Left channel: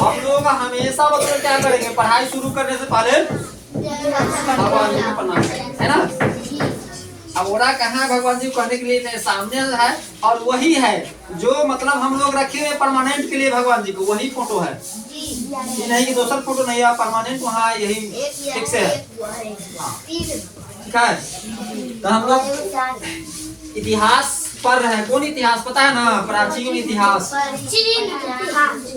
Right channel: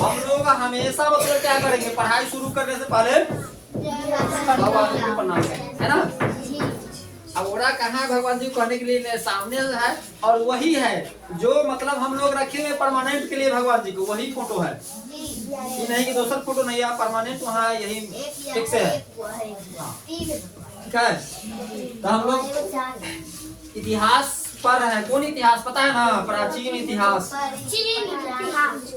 हम लोग हमेशा मतलब क्या करेंगे, पढ़ाई शुरू करने से पहले भगवान जी को प्रणाम है ना। अब ओरा कहाँ भगवान जी को करने के लिए सामने है, और वही है जो मतलब हम लोग रखे हुए परमानेंट के लिए भगवान जी को, वही फोटो है। ये नहीं कि दूसरा फोटो नहीं है, परमानेंट वहाँ यही फिक्स है। ठीक है, तो हम लोग इतिहास पढ़ रहे हैं। कौन इतिहास पता है ना? प्राचीन इतिहास।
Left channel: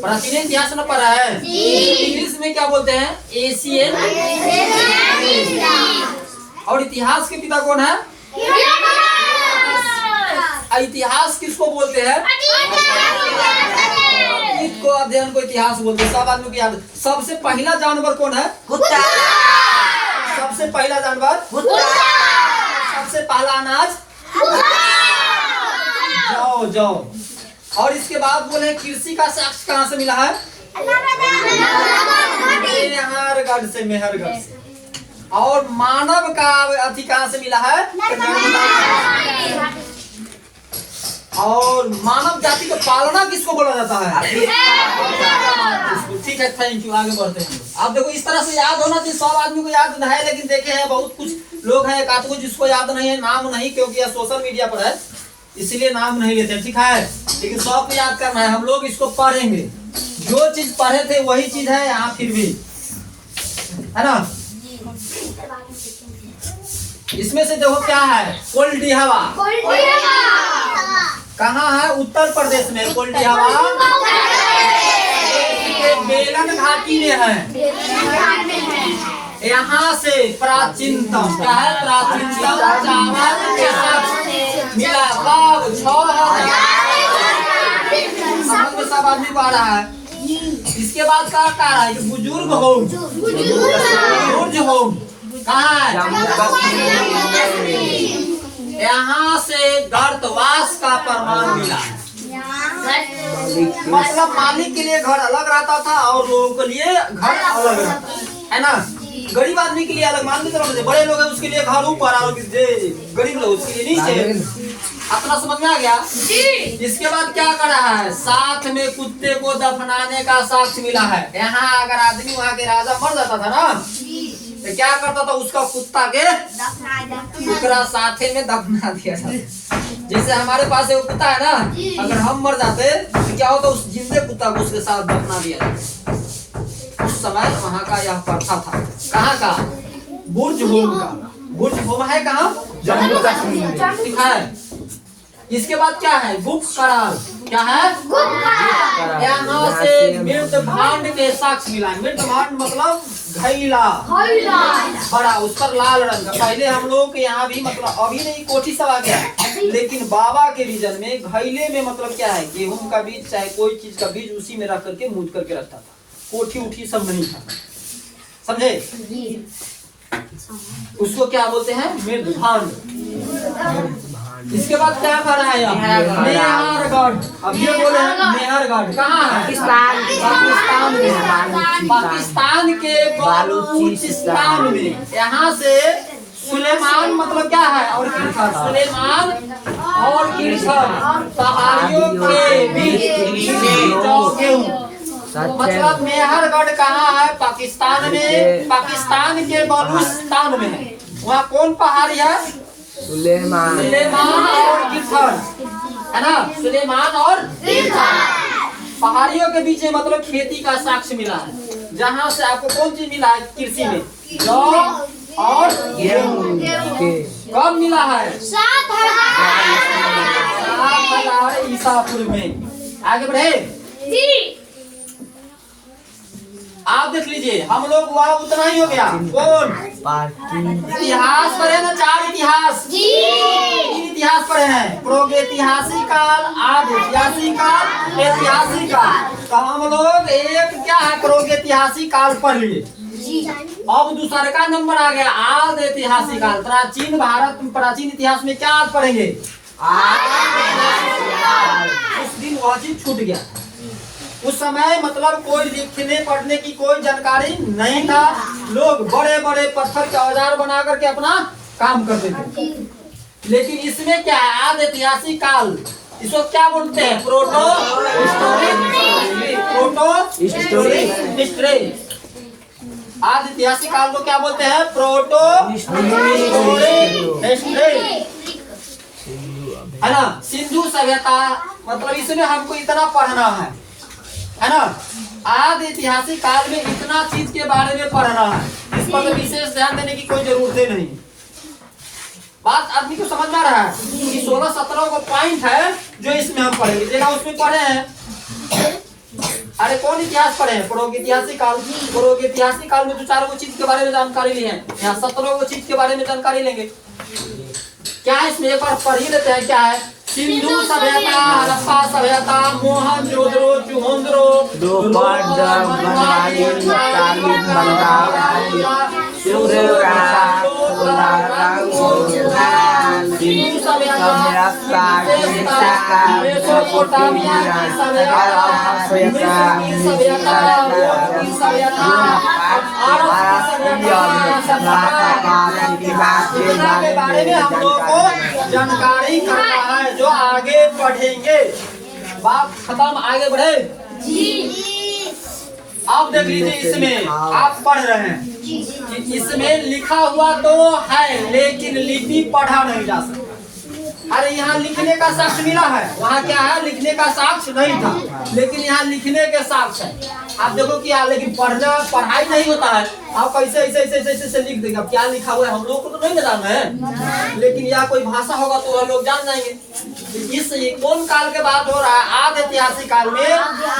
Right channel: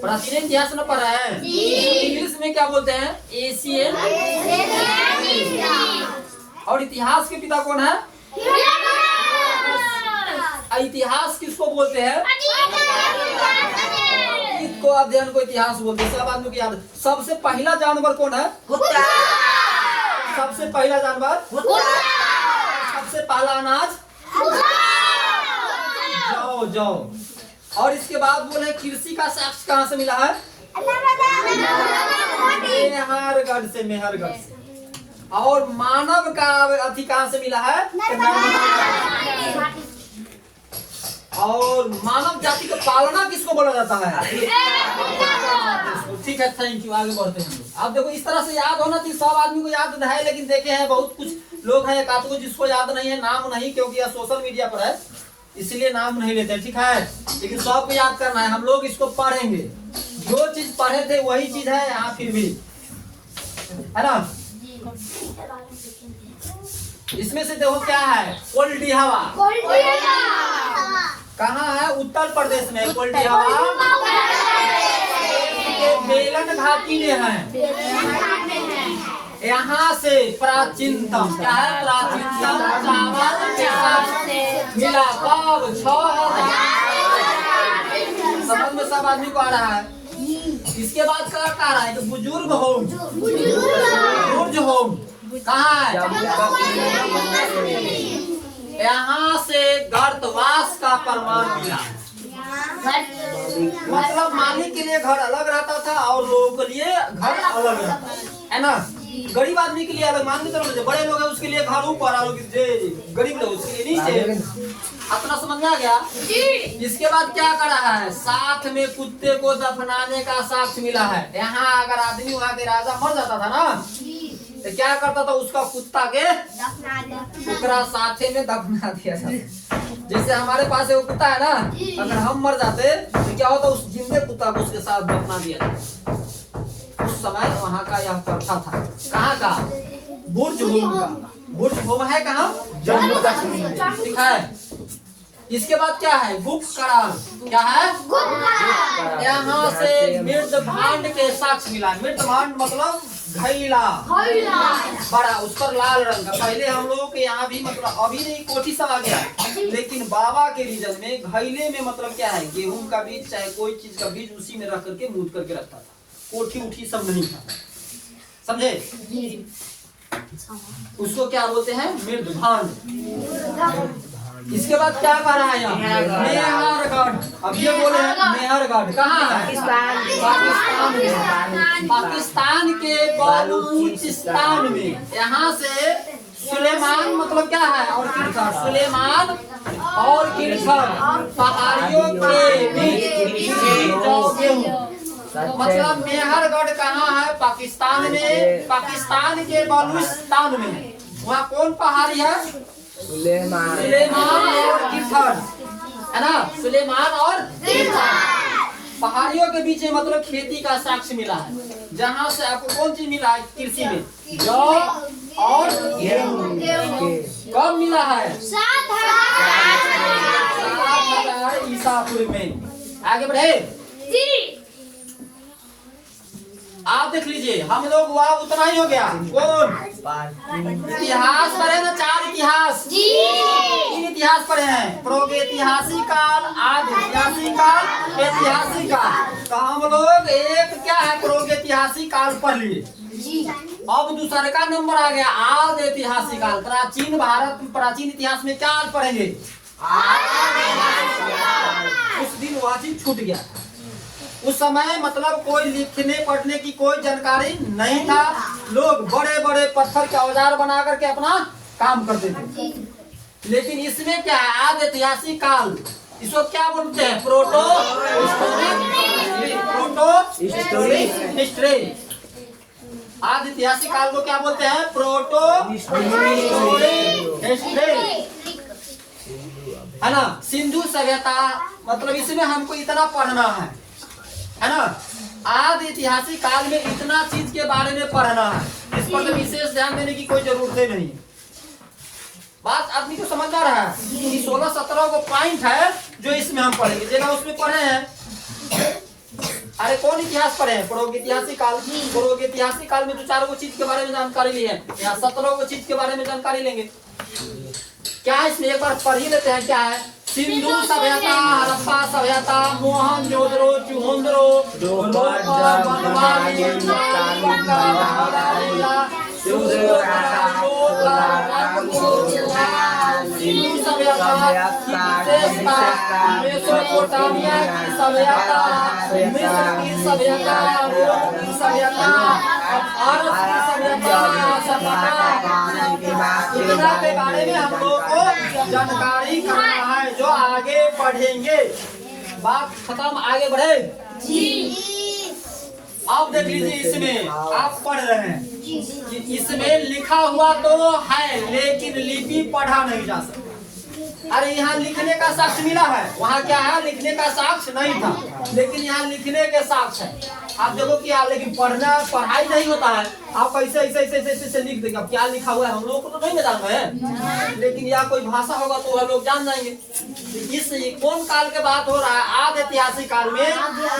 प्राचीन इतिहास ना पढ़ा है? इंग्लिश में क्या बोलते हैं? एशियन। और इतिहास के पिता कौन है? इतिहास किसको बोलते हैं? इसको अध्ययन को इतिहास बोलते हैं। सब आदमी को याद। सबसे पहला जानवर कौन है? कुत्ता। सबसे पहला जानवर कुत्ता। सबसे पहला अनाज जाओ जाओ। और इसके बाद बोले कृषि का साक्ष्य कहाँ से मिला है? मेहरगढ़ से। मेहरगढ़ से। और मानव का अति कहाँ से मिला है? और मानव जाति का पालना किसको बोला जाता है? ठीक है, थैंक यू। आगे बढ़ते हैं। आप देखो इस तरह से याद होना चाहिए। सब आदमी को याद है, लेकिन देखे हैं बहुत कुछ लोग हैं एक आध को जिसको याद नहीं है, नाम नहीं, क्योंकि यह सोशल मीडिया पर है इसीलिए नाम नहीं लेते। ठीक है, लेकिन सबको याद करना है। हम लोग इसको पढ़ेंगे, जो चीज पढ़े थे वही चीज है यहाँ फिर भी, है ना। इसमें से देखो क्या है? कोल्डी हवा। कहाँ है? उत्तर प्रदेश में। कोल्डी हवा मेलन घाटी में है। यहाँ से प्राचीनतम क्या है? प्राचीनतम चावल के साथ मिला कब? 6000। समझ में सब आदमी को आ रहा है। इसके बाद क्या कह रहा है? बुजुर्ग होम। बुजुर्ग होम कहाँ है? यहाँ से गर्तवास का प्रमाण मिला। मतलब मालिक के लिए घर अलग रहता था और लोगों के लिए घर अलग रहता है ना। गरीब आदमी के लिए अलग, मान लीजिए बड़े लोग हैं उसके लिए घर ऊपर और गरीब लोग उसके लिए नीचे। अपना समझ में आ गया? इसके बाद क्या कर रहा है? साथ में कुत्ते को दफनाने का साक्ष्य मिला है। यहाँ अगर आदमी वहाँ के राजा मर जाता था ना, तो क्या करता था? उसका कुत्ता के दूसरा साथे में दफना दिया जाता। जैसे हमारे पास एक कुत्ता है ना, अगर हम मर जाते तो क्या होता? उस जिंदे कुत्ता को उसके साथ दफना दिया जाता। उस समय वहाँ का यह प्रथा था। कहाँ का? बुर्ज होम का। बुर्ज होम है कहाँ? जम्मू कश्मीर में। ठीक है। इसके बाद क्या है? गुप्त करार। क्या है? यहाँ से मृत भांड के साक्ष्य मिला। मृत भांड मतलब घैला बड़ा, उस पर लाल रंग का। पहले हम लोग यहाँ भी मतलब अभी नहीं कोठी सब आ गया, लेकिन बाबा के रीजन में घैले में मतलब क्या है? गेहूं का बीज चाहे कोई चीज का बीज उसी में रख करके मूद करके रखता था। कोठी उठी सब नहीं था, समझे? उसको क्या बोलते हैं? मृत भांड। इसके बाद क्या कर रहा है? मेहरगढ़। अब ये बोले मेहरगढ़ कहाँ है? पाकिस्तान में। पाकिस्तान के बलूचिस्तान में। यहाँ से सुलेमान मतलब क्या है? और किरखर। सुलेमान और किरखर पहाड़ियों के बीच मतलब मेहरगढ़ कहाँ है? पाकिस्तान में। पाकिस्तान के बलूचिस्तान में है। वहाँ कौन पहाड़ी है? सुलेमान और किरखर, है ना। सुलेमान और पहाड़ियों के बीच मतलब खेती का साक्ष्य मिला है। जहाँ से आपको कौन चीज मिला है? कृषि में जौ और गेहूं। कब मिला है? 7000 ईसा पूर्व में। आगे बढ़े। आप देख लीजिए, हम लोग वहाँ उतना ही हो गया। कौन? इतिहास पढ़े ना? 4 इतिहास। 3 इतिहास पढ़े हैं। प्रागैतिहासिक काल, आदिऐतिहासिक काल, ऐतिहासिक काल। तो हम लोग एक क्या है? प्रागैतिहासिक काल पढ़ लिए। अब दूसरा का नंबर आ गया आदिऐतिहासिक काल। प्राचीन भारत, प्राचीन इतिहास में क्या पढ़ेंगे? उस दिन वह चीज छूट गया। उस समय मतलब कोई लिखने पढ़ने की कोई जानकारी नहीं था। लोग बड़े बड़े पत्थर के औजार बना करके अपना काम करते थे। लेकिन इसमें क्या है? आदिऐतिहासिक काल। इसको क्या बोलते हैं? Proto historic. Proto history. आदि ऐतिहासिक काल को क्या बोलते हैं? प्रोटो हिस्ट्री, है ना। सिंधु सभ्यता मतलब इसमें हमको इतना पढ़ना है ना। आदि ऐतिहासिक काल में इतना चीज के बारे में पढ़ना है, इस पर तो विशेष ध्यान देने की कोई जरूरत नहीं। बात आदमी को समझ में आ रहा है कि 16-17 को पॉइंट है जो इसमें हम पढ़ेंगे। देखा उसमें पढ़े हैं, अरे कौन इतिहास पढ़े हैं? प्रागैतिहासिक काल। प्रागैतिहासिक काल में जो 4 को चीज के बारे में जानकारी ली है, यहाँ 17 को चीज के बारे में जानकारी लेंगे। क्या है इसमें? एक बार पढ़ ही लेते हैं। क्या है? सिंधु सभ्यता, हड़प्पा सभ्यता, मोहनजोदड़ो, चुहंद्रो, के बारे में हम लोग को जानकारी करना है, जो आगे पढ़ेंगे। बात खत्म, आगे बढ़े जी। आप देख लीजिए, इसमें आप पढ़ रहे हैं कि इसमें लिखा हुआ तो है लेकिन लिपि पढ़ा नहीं जा सकता। अरे यहाँ लिखने का साक्ष्य मिला है, वहाँ क्या है? लिखने का साक्ष्य नहीं था, लेकिन यहाँ लिखने के साक्ष्य है। आप देखो क्या, लेकिन पढ़ाई नहीं होता है। आप कैसे ऐसे लिख देंगे? अब क्या लिखा हुआ है हम लोग को तो नहीं जानना है, लेकिन यह कोई भाषा होगा तो हम लोग जान जाएंगे। इस कौन काल के बात हो रहा है? आदि ऐतिहासिक काल में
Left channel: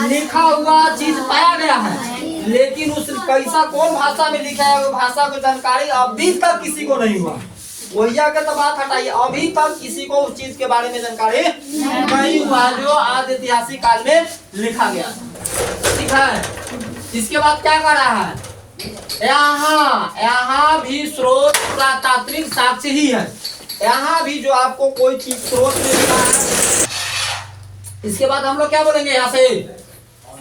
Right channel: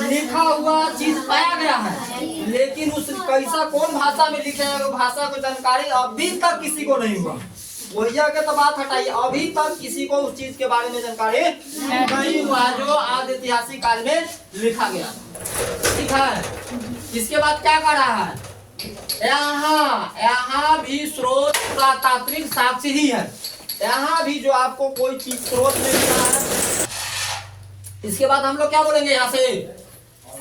लिखा हुआ चीज पाया गया है, लेकिन उस कैसा कौन भाषा में लिखा है, वो भाषा की जानकारी अभी तक किसी को नहीं हुआ। वैया के तो बात हटाइए, अभी तक किसी को उस चीज के बारे में जानकारी नहीं हुआ जो आदि ऐतिहासिक काल में लिखा गया लिखा है। इसके बाद क्या कर रहा है? यहाँ भी स्रोत पुरातात्विक साक्ष्य ही है। यहाँ भी जो आपको कोई चीज स्रोत में मिला है। इसके बाद हम लोग क्या बोलेंगे यहाँ से?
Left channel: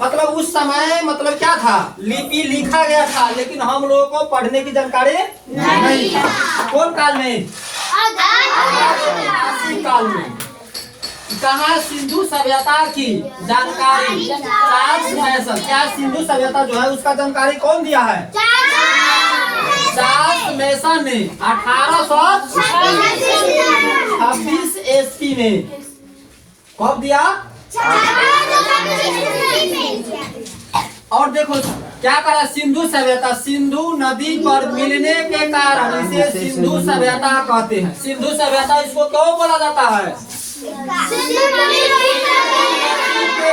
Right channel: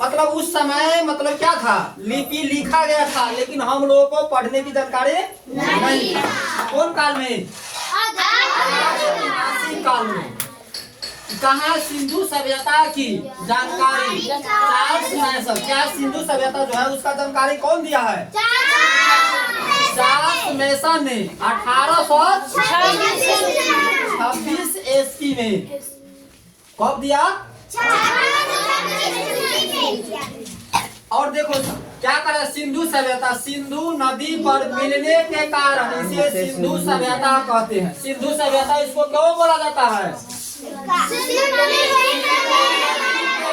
मतलब उस समय मतलब क्या था? लिपि लिखा गया था, लेकिन हम लोगों को पढ़ने की जानकारी नहीं था। कौन काल में? काल में। कहा सिंधु सभ्यता की जानकारी क्या सिंधु सभ्यता जो है उसका जानकारी कौन दिया है? चार्ल्स मैसन ने 1826 ईस्वी में। कब दिया? और देखो क्या करा? सिंधु सभ्यता, सिंधु नदी पर मिलने के कारण इसे सिंधु सभ्यता कहते हैं। सिंधु सभ्यता इसको क्यों बोला जाता है?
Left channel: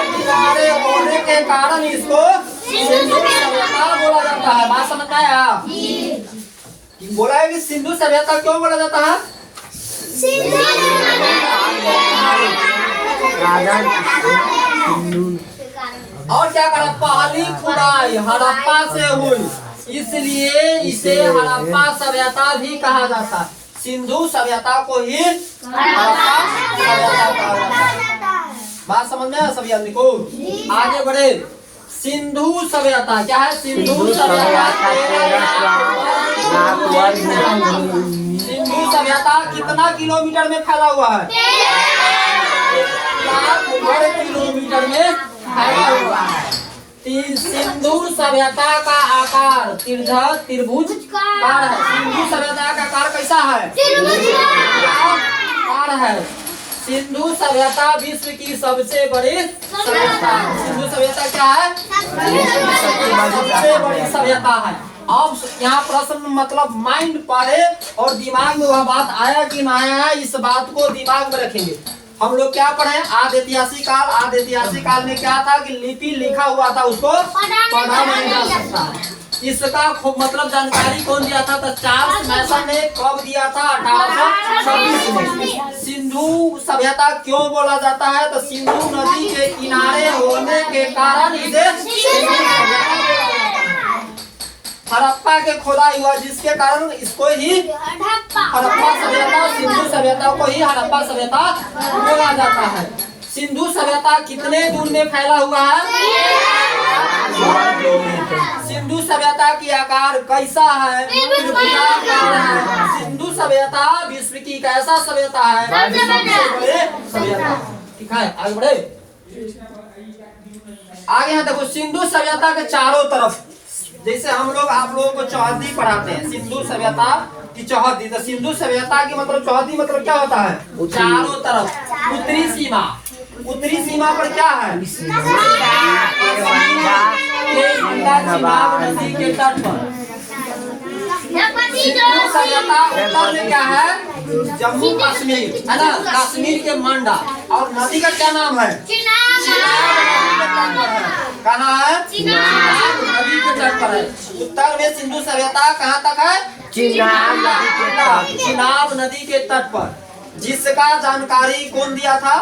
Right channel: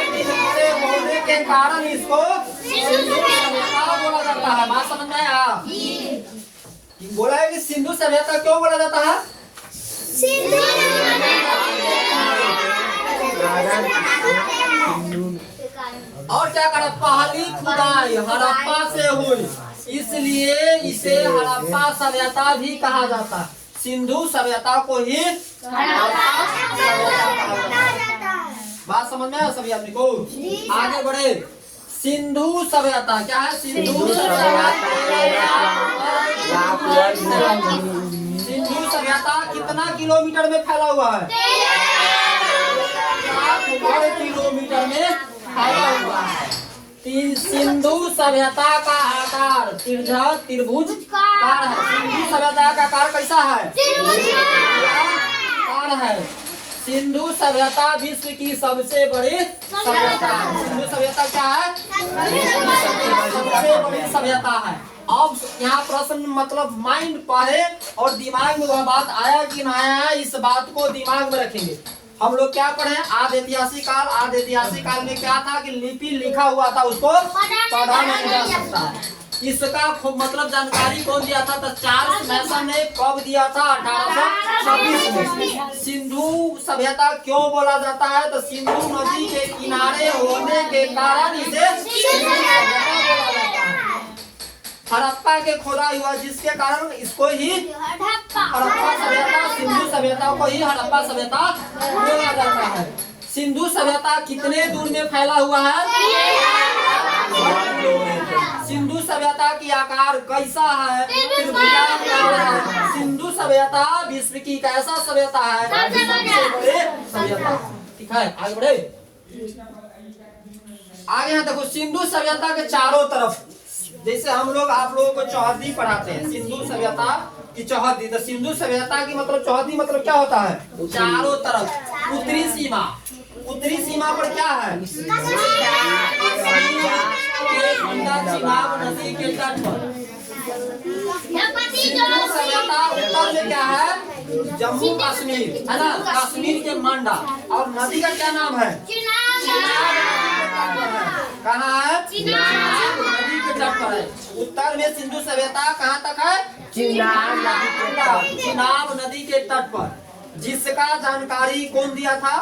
किनारे होने के कारण इसको सिंधु सभ्यता बोला जाता है। बात समझ में आया? बोला है कि सिंधु सभ्यता क्यों बोला जाता है? और क्या करा? पहली खुदाई हड़प्पा से हुई, इसलिए इसे हड़प्पा सभ्यता भी कहा जाता है। सिंधु सभ्यता को ही हड़प्पा सभ्यता कहा जाता है। बात समझ में आया सभी आदमी को? आगे बढ़े। सिंधु सभ्यता क्या है? सिंधु सभ्यता कितना किलोमीटर में फैला हुआ है? 4 किलोमीटर में फैला हुआ है। सिंधु सभ्यता का आकार त्रिभुज कार है। सिंधु सभ्यता का आकार कैसा है? कार है। सिंधु सभ्यता विश्व की सबसे बड़ी सभ्यता है। सिंधु सभ्यता क्या है? सबसे बड़ी सभ्यता है। अब यहाँ प्रश्न मतलब माइंड पढ़े और दिमाग में वह बात आया कि ना आया है, इस बात को दिमाग में रखेंगे। हम लोग क्या पढ़े? आदि ऐतिहासिक काल। आदि ऐतिहासिक काल में क्या था कि लिपि लिखा हुआ था, उसको पढ़ा नहीं जा सकता है। इसका खूब मतलब जानकारी कौन दिया था? तो चार्ल्स मैसन ने कब दिया था? 1826 में। सिंधु सभ्यता क्यों बोला जाता है? तो सिंधु नदी के किनारे होने के कारण इसे हड़प्पा के खोदाई हुआ, जिसके कारण इसको ही हड़प्पा सभ्यता, सिंधु सभ्यता को ही हड़प्पा सभ्यता बोला जाता है। सिंधु सभ्यता कितने दूर में फैला हुआ है? सिंधु सभ्यता की आकार कैसा है? सिंधु सभ्यता विश्व की कैसा सभ्यता है? सभ्यता। ठीक है, आगे बढ़े। आगे यहाँ देखो सिंधु सभ्यता के चारों तरफ, जैसे हम लोग आप लोगों को चौहद्दी पढ़ाते हैं, सिंधु सभ्यता की चौहद्दी, तो सिंधु सभ्यता की मतलब चौहद्दी मतलब क्या होता है? चारों तरफ। उत्तरी सीमा, उत्तरी सीमा पर क्या है? चिनाब नदी के तट पर। सिंधु सभ्यता उत्तर में क्या है? जम्मू कश्मीर, है ना, कश्मीर के मंडा। और नदी का क्या नाम है? कहाँ है? नदी के तट पर है। उत्तर में सिंधु सभ्यता कहाँ तक है? चिनाब नदी के तट। चिनाब नदी के तट पर, जिसका जानकारी कौन दिया था?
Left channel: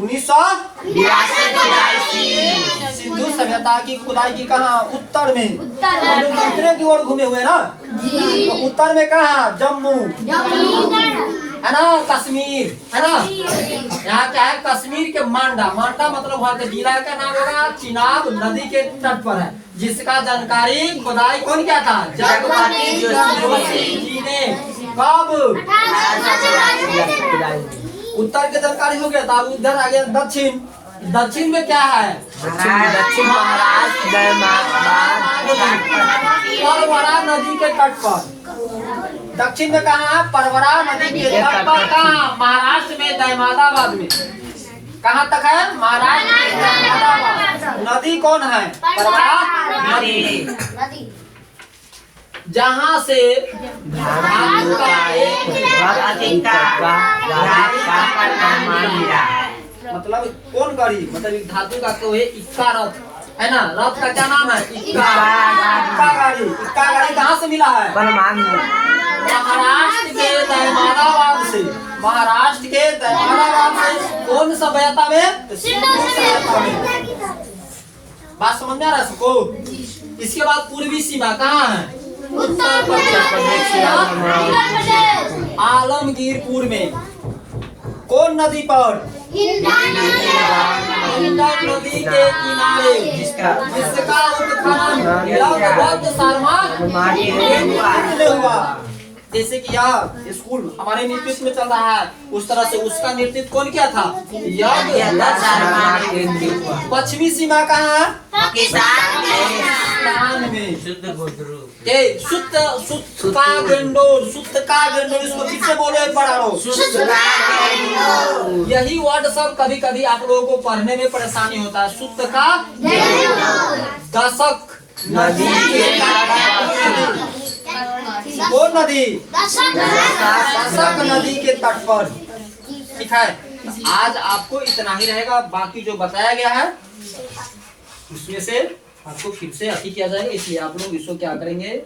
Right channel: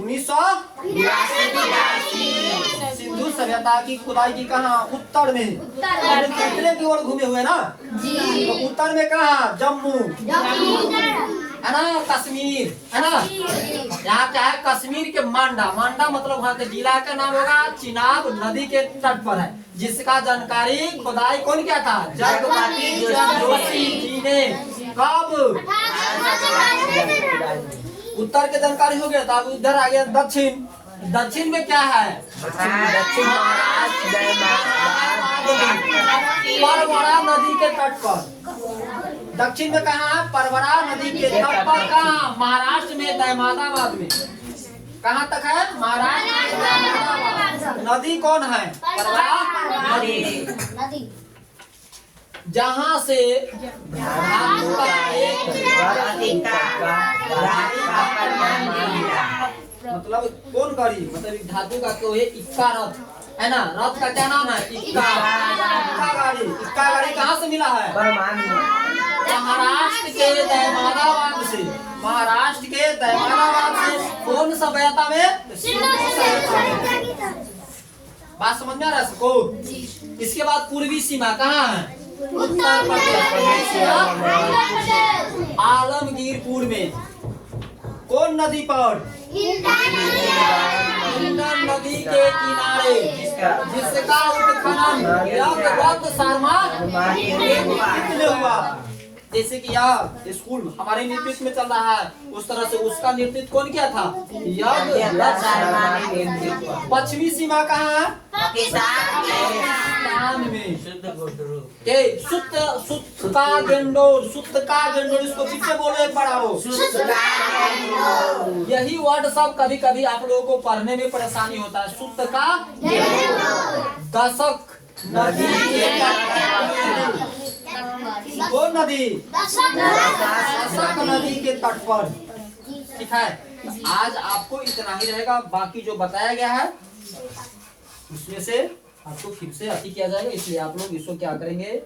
1982। सिंधु सभ्यता की खुदाई की कहाँ? उत्तर में। उत्तर की ओर घूमे हुए ना, तो उत्तर में कहाँ? जम्मू, है ना, कश्मीर, है ना। यहाँ क्या है? कश्मीर के मांडा, मांडा मतलब वहाँ के जिला का नाम होगा, चिनाब नदी के तट पर है, जिसका जानकारी खुदाई कौन किया था? जगपति जी ने। कब? उत्तर के जानकारी हो गया था। अब इधर आ गया दक्षिण। दक्षिण में क्या है? दक्षिण महाराष्ट्र परवरा नदी के तट पर। दक्षिण में कहाँ है? परवरा नदी के तट पर। कहाँ? महाराष्ट्र में, दहमादाबाद में। कहाँ तक है? महाराष्ट्र में दहमादाबाद। नदी कौन है? परवरा नदी, जहाँ से धातु का एक मतलब कौन करी, मतलब एक धातु का तो है इक्का रथ, है ना। रथ का क्या नाम है? इक्का गाड़ी। इक्का गाड़ी कहाँ से मिला है? महाराष्ट्र के दहमादाबाद से। महाराष्ट्र के दहमादाबाद से। कौन सभ्यता में? तो सिंधु सभ्यता में। बात समझ में आ रहा है सबको? इसके बाद पूर्वी सीमा कहाँ है? उत्तर प्रदेश, आलमगीरपुर में। कौन नदी पर? नदी के किनारे, जिसका उत्खनन बौद्ध शर्मा हुआ। जैसे कि यह स्कूल हमारे नेतृत्व में चल रहा है, उस तरह से उसका नेतृत्व कौन किया था? पश्चिमी सीमा कहाँ है? पाकिस्तान में। सुत्त का गंडोर, इसको फिर से बोलो एक बार आओ। यही वर्ड सब कभी कभी आप लोगों को पढ़ने में परेशानी होता है। सुत्त का दशक नदी के कौन नदी? दशक नदी के तट पर। ठीक है, आज आपको इतना ही रहेगा। बाकी जो बताया गया है उसमें से आपको फिर से अति किया जाएगा, इसलिए आप लोग इसको क्या करेंगे?